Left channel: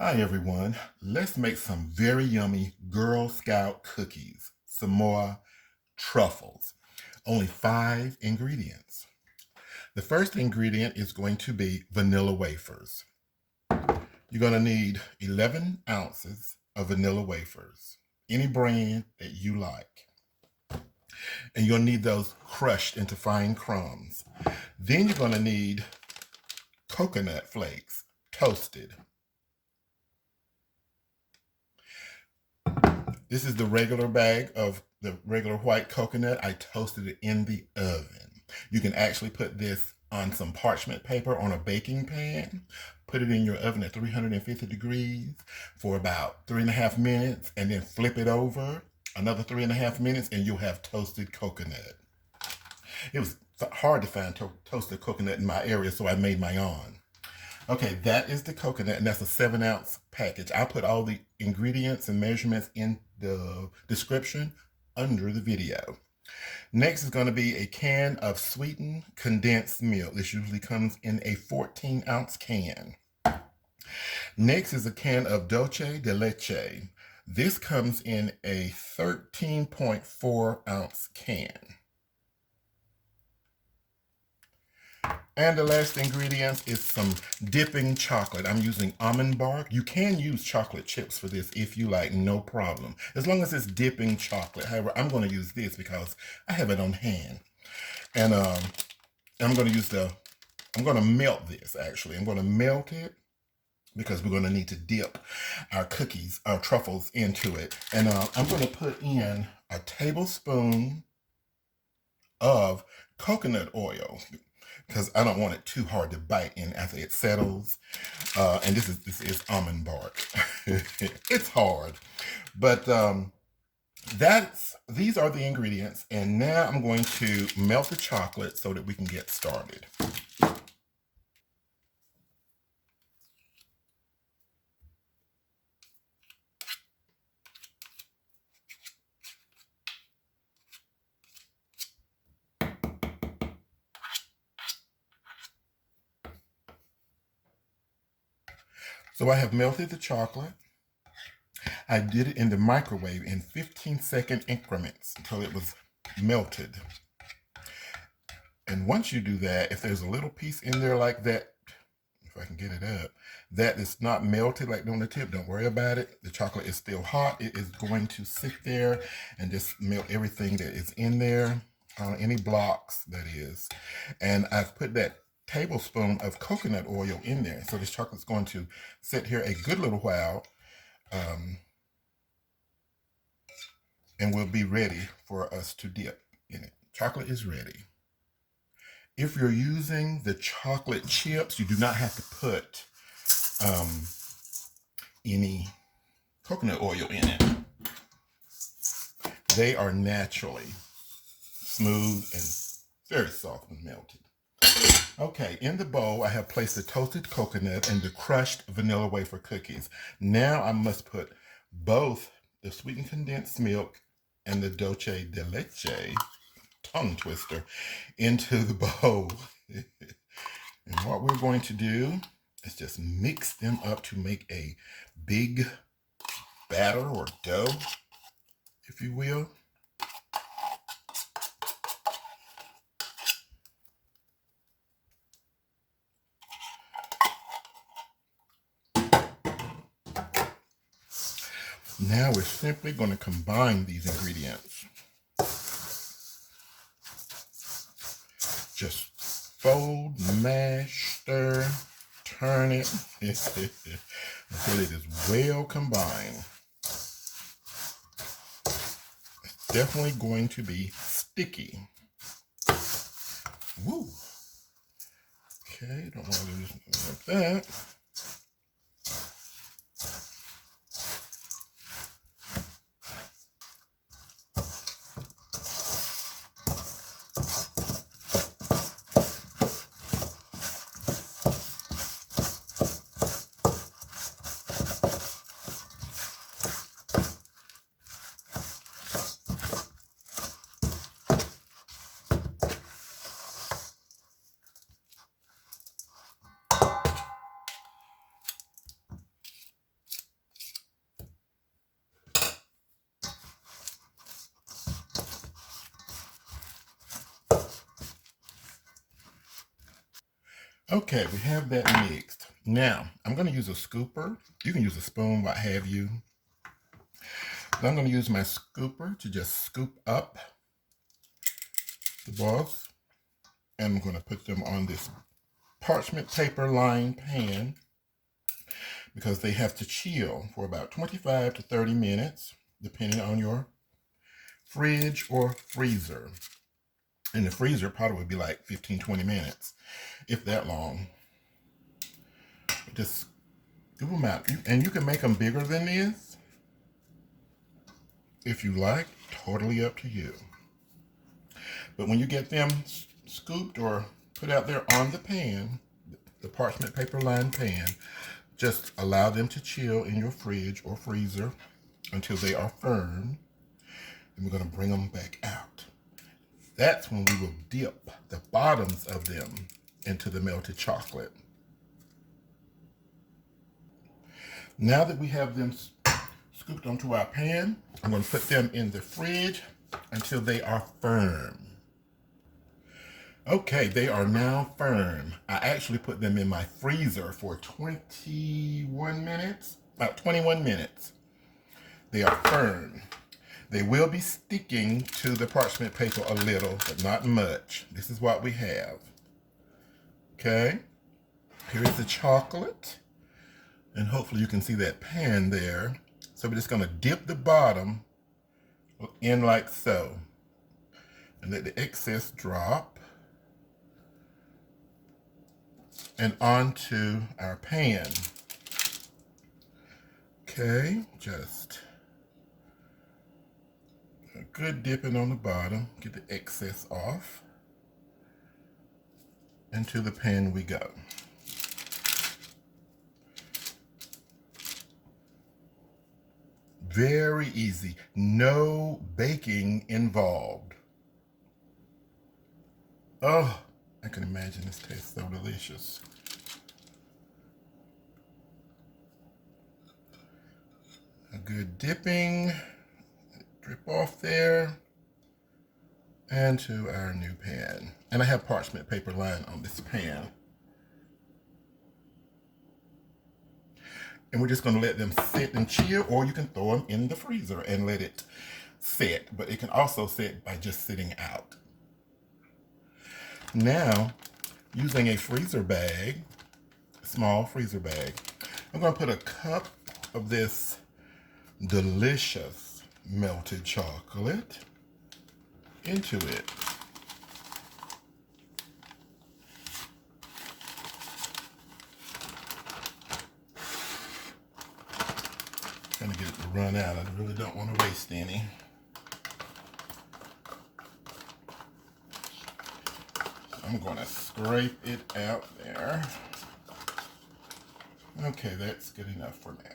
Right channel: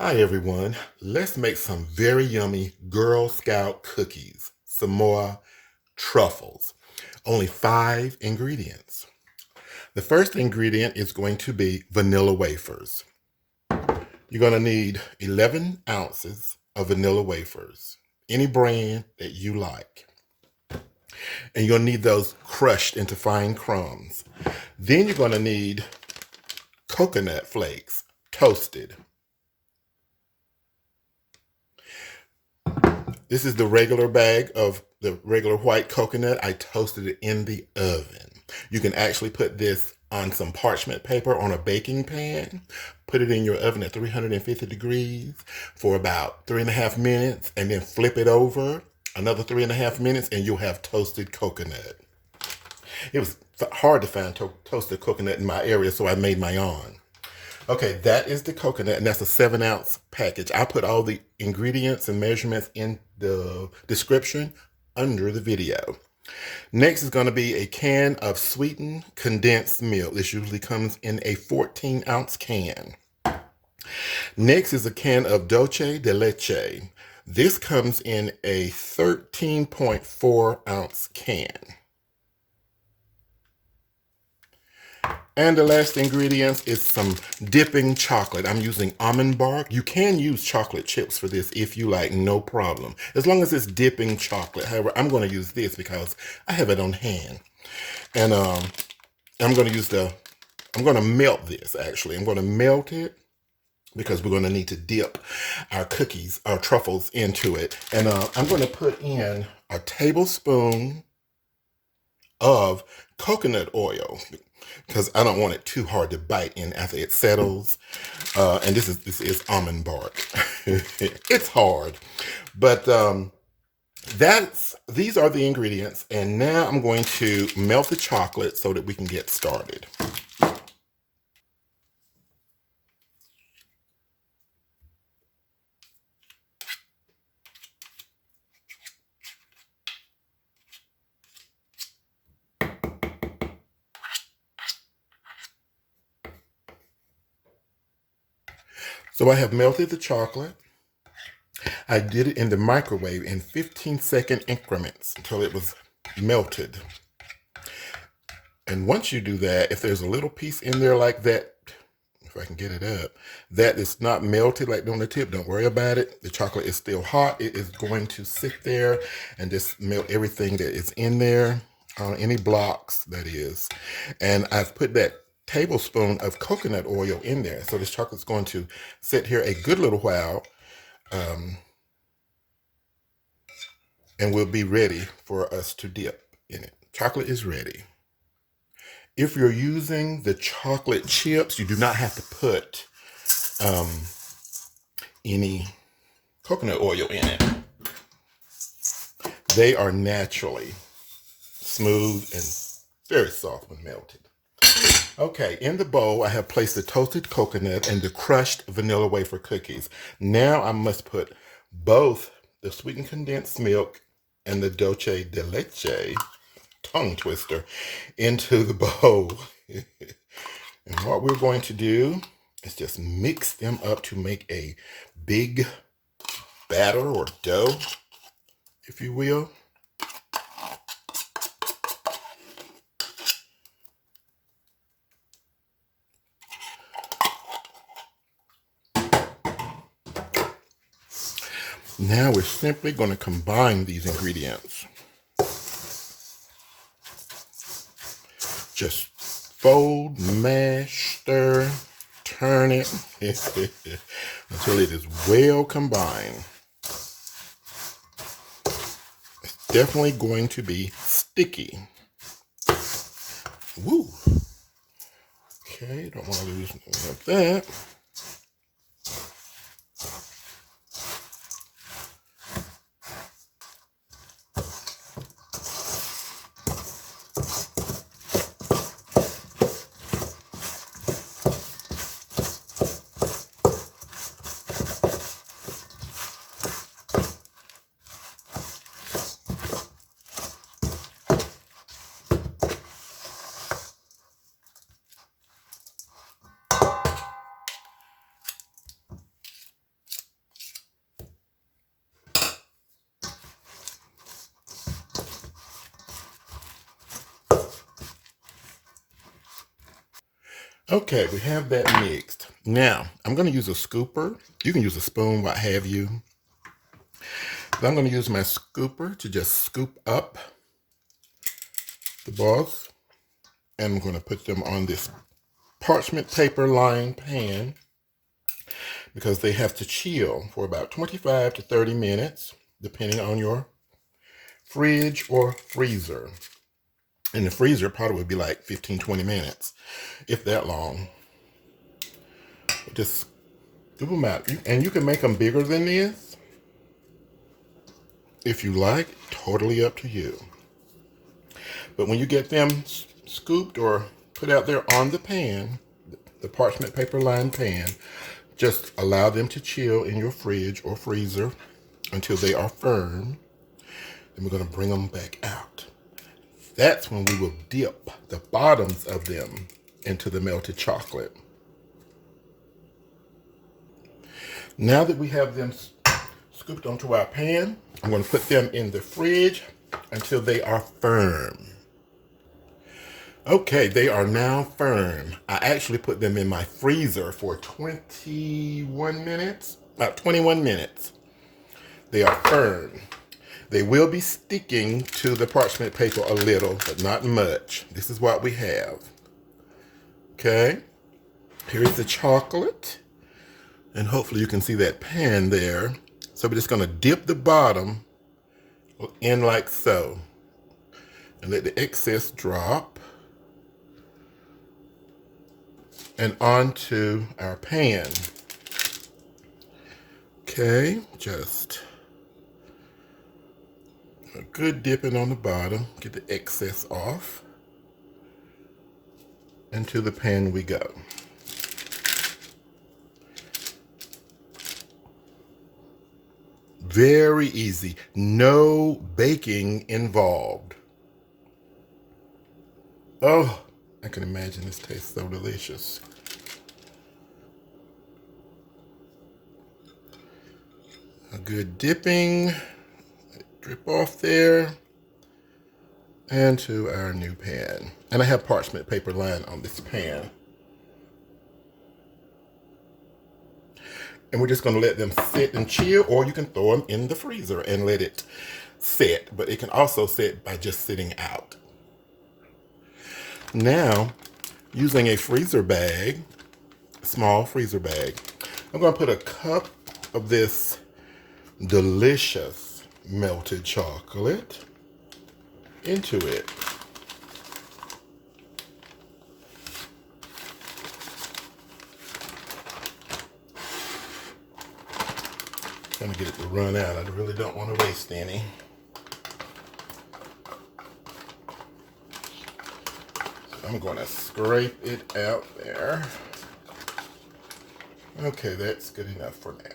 Hi everyone, let's make some very yummy Girl Scout cookies, some more truffles. Only 5 ingredients. The first ingredient is going to be vanilla wafers. You're going to need 11 ounces of vanilla wafers, any brand that you like. And you'll need those crushed into fine crumbs. Then you're going to need coconut flakes, toasted. This is the regular bag of the regular white coconut. I toasted it in the oven. You can actually put this on some parchment paper on a baking pan. Put it in your oven at 350 degrees for about 3.5 minutes, and then flip it over another 3.5 minutes, and you'll have toasted coconut. It was hard to find toasted coconut in my area, so I made my own. Okay, that is the coconut, and that's a 7-ounce package. I'll put all the ingredients and measurements in the description under the video. Next is going to be a can of sweetened condensed milk. This usually comes in a 14-ounce can. Next is a can of Dulce de leche. This comes in a 13.4-ounce can. And the last ingredient is some dipping chocolate. I'm using almond bark. You can use chocolate chips for this if you like, no problem. As long as it's dipping chocolate. However, I'm going to use this because I have it on hand. And I'm going to melt this actually. I'm going to melt it because we're going to need to dip our cookies, our truffles into it. And I'm going to put in a tablespoon of coconut oil because I don't want it too hard to bite in after it settles. And this is almond bark. It's hard, but these are the ingredients. And now I'm going to melt the chocolate so that we can get started. So I have melted the chocolate. I did it in the microwave in 15-second increments until it was melted. And once you do that, if there's a little piece in there like that, if I can get it up, that is not melted like on the tip, don't worry about it. The chocolate is still hot. It is going to sit there and just melt everything that is in there, any blocks that is. And I've put that tablespoon of coconut oil in there. So this chocolate's going to sit here a good little while, and we'll be ready for us to dip in it. Chocolate is ready. If you're using the chocolate chips, you do not have to put any coconut oil in it. They are naturally smooth and very soft when melted. Okay, in the bowl, I have placed the toasted coconut and the crushed vanilla wafer cookies. Now I must put both the sweetened condensed milk and the dulce de leche, tongue twister, into the bowl. And what we're going to do is just mix them up to make a big batter or dough, if you will. Now we're simply going to combine these ingredients. Just fold, mash, stir, turn it until it is well combined. It's definitely going to be sticky. Woo. Okay, don't want to lose like that. Okay, we have that mixed. Now, I'm going to use a scooper. You can use a spoon, what have you. But I'm going to use my scooper to just scoop up the balls. And I'm going to put them on this parchment paper lined pan because they have to chill for about 25 to 30 minutes, depending on your fridge or freezer. In the freezer, probably would be like 15, 20 minutes, if that long. Just scoop them out. And you can make them bigger than this if you like, totally up to you. But when you get them scooped or put out there on the pan, the parchment paper lined pan, just allow them to chill in your fridge or freezer until they are firm. Then we're going to bring them back out. That's when we will dip the bottoms of them into the melted chocolate. Now that we have them scooped onto our pan, I'm going to put them in the fridge until they are firm. Okay, they are now firm. I actually put them in my freezer for 21 minutes. About 21 minutes. They are firm. They will be sticking to the parchment paper a little, but not much. This is what we have. Okay, here's the chocolate. And hopefully you can see that pan there. So we're just going to dip the bottom in like so. And let the excess drop. And onto our pan. Okay, just a good dipping on the bottom. Get the excess off. Into the pan we go. Very easy. No baking involved. Oh, I can imagine this tastes so delicious. A good dipping. Drip off there. And to our new pan. And I have parchment paper lined on this pan. And we're just going to let them sit and chill, or you can throw them in the freezer and let it set. But it can also set by just sitting out. Now, using a freezer bag, small freezer bag, I'm going to put a cup of this delicious melted chocolate into it. Trying to get it to run out. I really don't want to waste any. So I'm going to scrape it out there. Okay, that's good enough for now.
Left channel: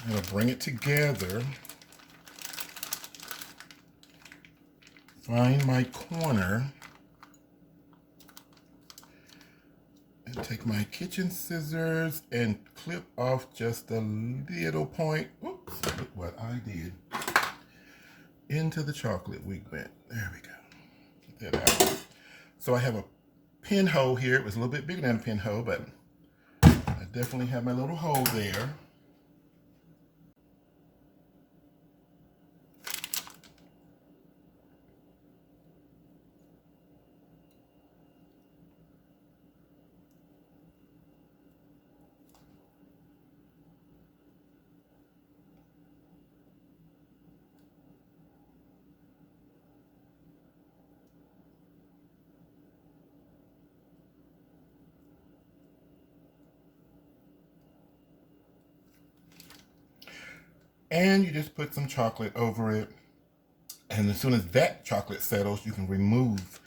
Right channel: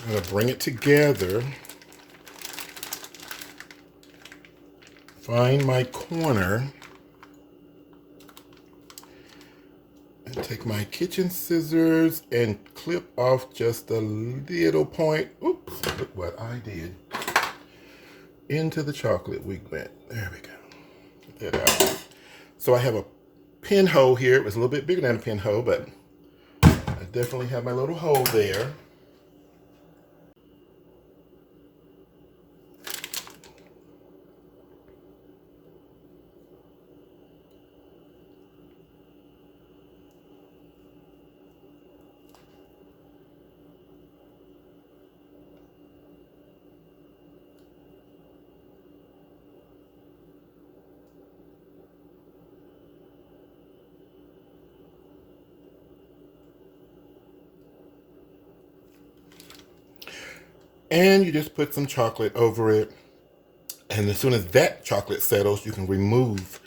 I'm going to bring it together. Find my corner. And take my kitchen scissors and clip off just a little point. Oops, look what I did. Into the chocolate we went. There we go. Get that out. So I have a pinhole here. It was a little bit bigger than a pinhole, but I definitely have my little hole there. And you just put some chocolate over it. And as soon as that chocolate settles, you can remove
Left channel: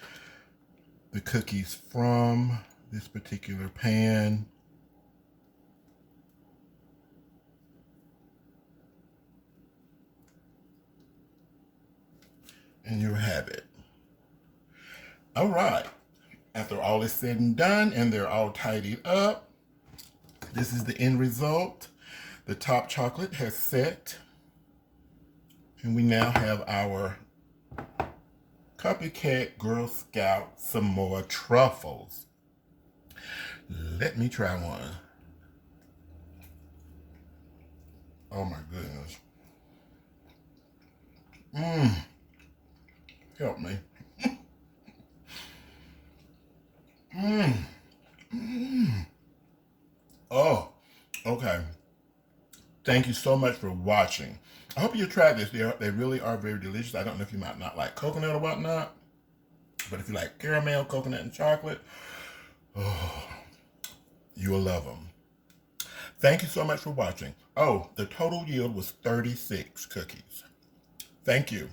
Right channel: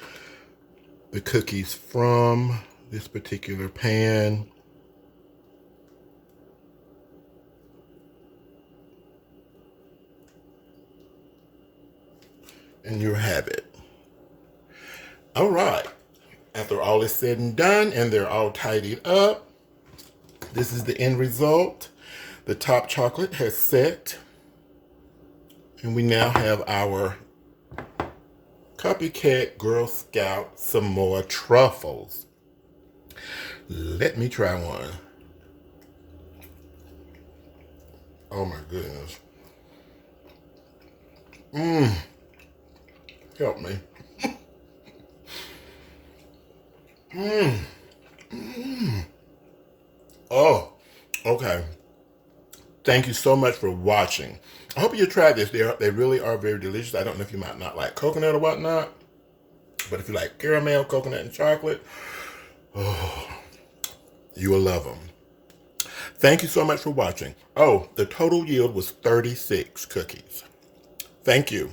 the cookies from this particular pan. And you have it. All right. After all is said and done and they're all tidied up, this is the end result. The top chocolate has set. And we now have our Copycat Girl Scout some more truffles. Let me try one. Oh my goodness. Help me. Oh, okay. Thank you so much for watching. I hope you tried this. They really are very delicious. I don't know if you might not like coconut or whatnot, but if you like caramel, coconut, and chocolate, oh, you will love them. Thank you so much for watching. Oh, the total yield was 36 cookies. Thank you.